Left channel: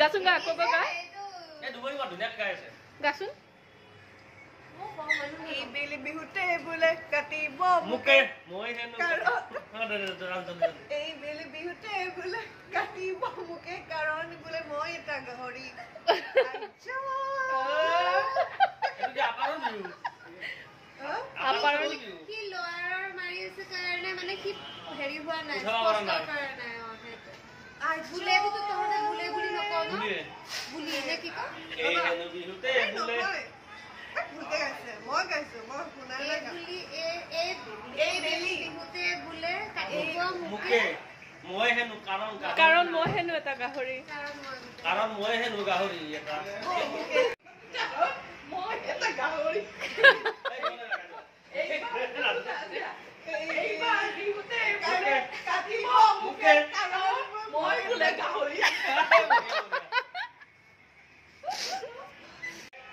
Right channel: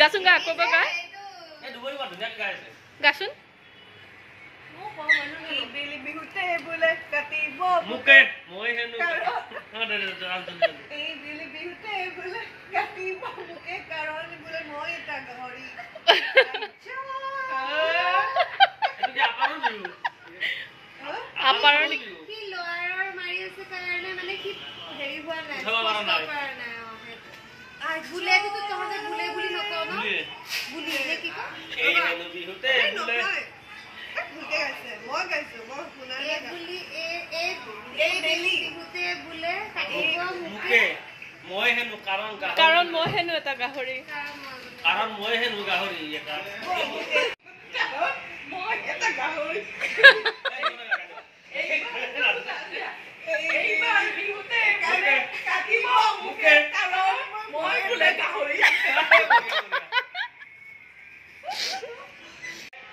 গাচোন গা আকৌ গা এই দুবৰি বাদ ধুনীয়া গাইছে গাচোন এই বেলি বিহুতে বোলে কাটিব মুকে মই হেনু এই বেলি বিহুতে বোলে কাটিব মুকে কাৰণ বোলে মই এটা গাহৰি আপাৰৰ কি লয়াৰৰ মাৰি আছে কাৰণে মানে কি হেৰি হোৱা নাই বুলে তো তহঁতে বুলে বুলি নকওঁ ন বুলি নে কি কয় এই হেনু বিহুতে বোলে ভুলকে গাইছে মই গাইছো মই শুনা নাই বুলি এই বেলি বিহুতে বুলে কাটিব মুকে মই হেনু কাৰণ মই হেনো এটা গাহৰি কাৰণ মই হেনু গাহৰি এটা মই এটা গাহৰি এইবাৰ বিহুতে কাটিব মুকে কাৰণ মই বোলে গাহৰি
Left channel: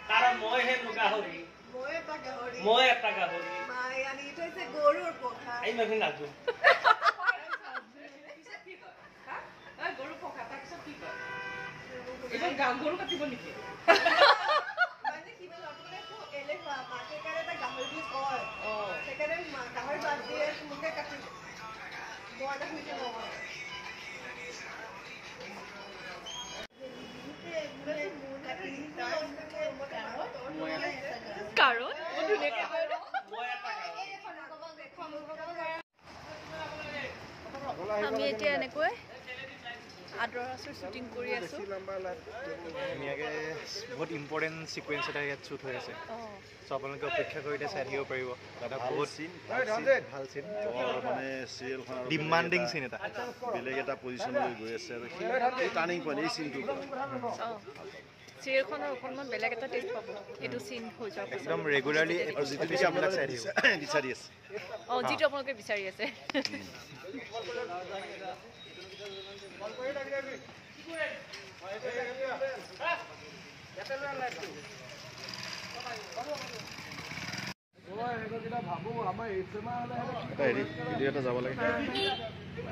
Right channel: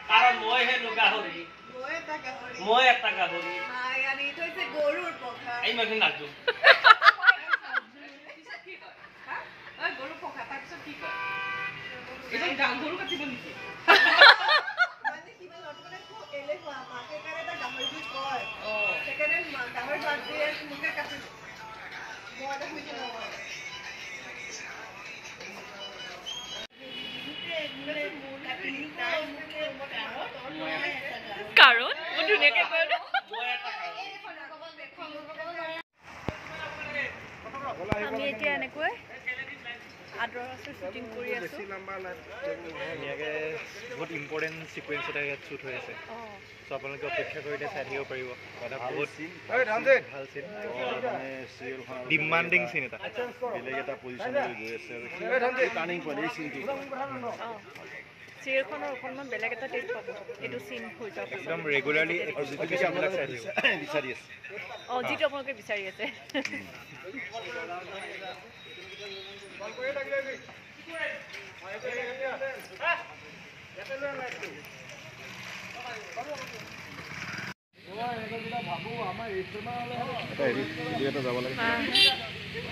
কাৰণ মই হেনু গাহৰি মই এটা গাহৰি মায়ে আনি থৈছে গৰুৰ পঘা এই মই নাচো গৰু পঘা তাৰপিছত কি কয় এইটো গৰু কাটিব নেকি মানে কিবা লটকনে খুব এলেহুৱা মাকে কাৰণে এটা গাহৰি বুলি কয় সেইকাৰণে গাহৰি বাদ দিয়ে মুকে কাটিব মই এটা শুনিছো নহয় কাৰণ মই ধুনীয়াকে কয় আমি এতিয়া এনেকৈ আদৰ আচৰ শ্বুটিং কৰি আছো বহুত ইম্পৰ্টেণ্ট সিকুৱেন্স এটা ইয়াত শ্বুট হৈ আছে সো আপোনালোকে অপেক্ষা কৰি চাই থাকিব পাৰিব এটা বহুত ভাল চিন মানে চিৰিয়েলখন ডিমান্ডিং চিন এটা বেলেগ এটা পজিশ্যনলৈ গৈ আছে আৰু সেই টাৰ্ণিং পইণ্ট এই চিনটো চিৰিয়েলখনৰ অকণমান বেলেগ এটা টেষ্ট পাব এইটো চিন হৈ যোৱাৰ পাছত একদম ৰেগুলাৰলি যিটো আপোনালোকে বিচাৰি আছে যিটো আপোনালোকে বিচাৰি আছে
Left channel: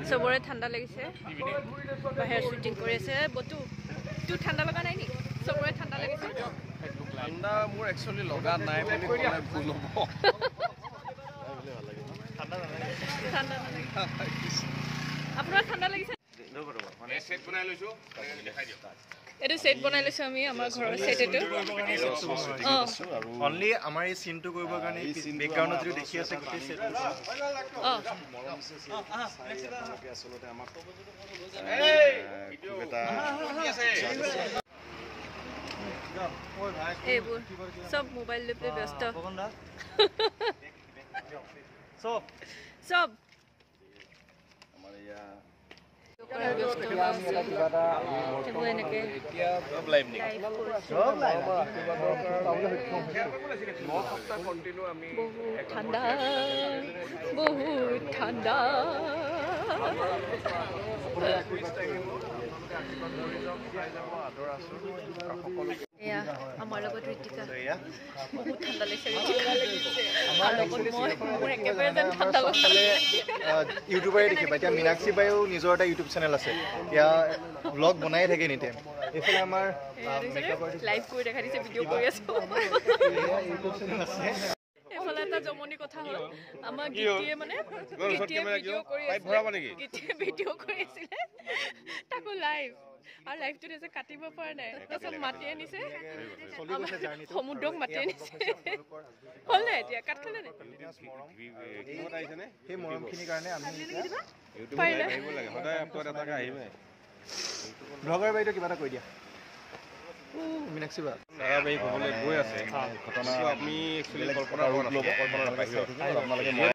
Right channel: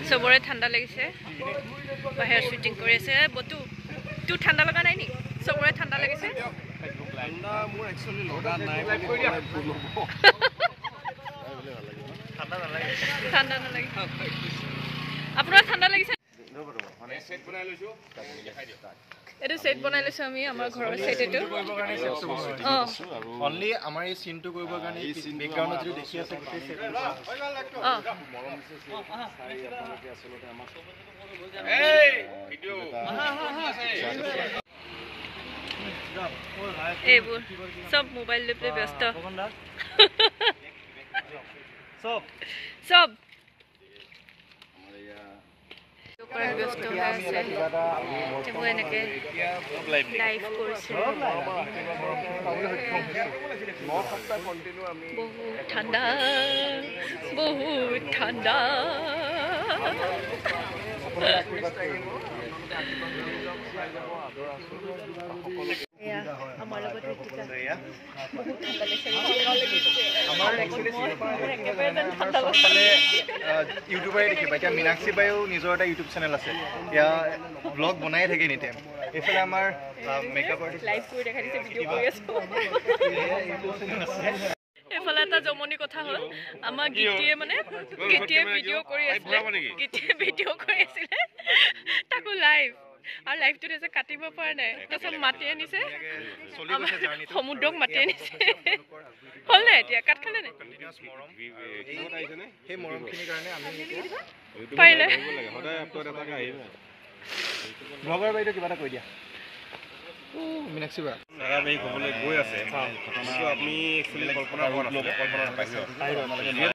চবৰে ঠাণ্ডা লাগিছে বাহিৰত শ্বুটিং কৰি আছে বতু তোৰ ঠাণ্ডা লগা নাই নি চবৰে ঠাণ্ডা লাগিছে ঠাণ্ডা মোৰ একচুৱেলি লগা নাই বুলি ক'লে ভুল হ'ব ঠাণ্ডা নালাগে ঠাণ্ডা নালাগে আপোনাৰ ঠাণ্ডা লাগিছে এইটো সেট বনাই লৈছো আমি আমাৰ ঘৰৰ সেট এইটো অনলি আমাৰ এই চিনটো কৰিবৰ কাৰণে বেকগ্ৰাউণ্ডত যদি দেখি আছে গোটেই সেট এইবোৰ সব মোবাইল লৈ পেলাই ব্যস্ত সব ব্যস্ত হৈ আছে এইবোৰ এনেকে লাইভ কৰিছে বহুত ঠাণ্ডা এয়া আমাৰ লগত ঋতিকা বহুত ঠাণ্ডা লাগিছে আমাৰ লগত মোৰ একেবাৰে যেন ঠাণ্ডা লাগিছে ইউটিউবাৰে দেখিবা এতিয়া মীনাক্ষী বায়ো নিজৰ এটা ইউটিউব চেনেল আছে এয়া ব্লগ বনাই থাকে এনি টাইম এইফালে আমাৰ মেকআপ আৰ্টিষ্ট লাইভ কৰি দেখাই দিছে ভিডিঅ' কৰি আছো ইউটিউব চেনেল আছে এফালে এটা জমনি কথা হ'ল আমাৰ গীতিয়ে ভিডিঅ' কৰি আছিলে তাকো লাইভ আৰু লাইভটোত এসে কাটিব পৰা নাই তাৰপিছত মাতি আনিছে সমুদ্ৰক মাতি আনিছে হ'ল নাই এতিয়া কাট খালে নাই সেই মৰমখিনিৰ কাৰণে আমি পাৰিলে ব্লগাৰ বাইদেউ কিবা এটা কৈ দিয়া মীনাক্ষী বাই ধাৰাবাহিক হ'বলৈ গৈ আছে ঘটনাটো আমি একচুৱেলি কল্পনা কৰা নাছিলোঁ কল্পনাৰ বাহিৰত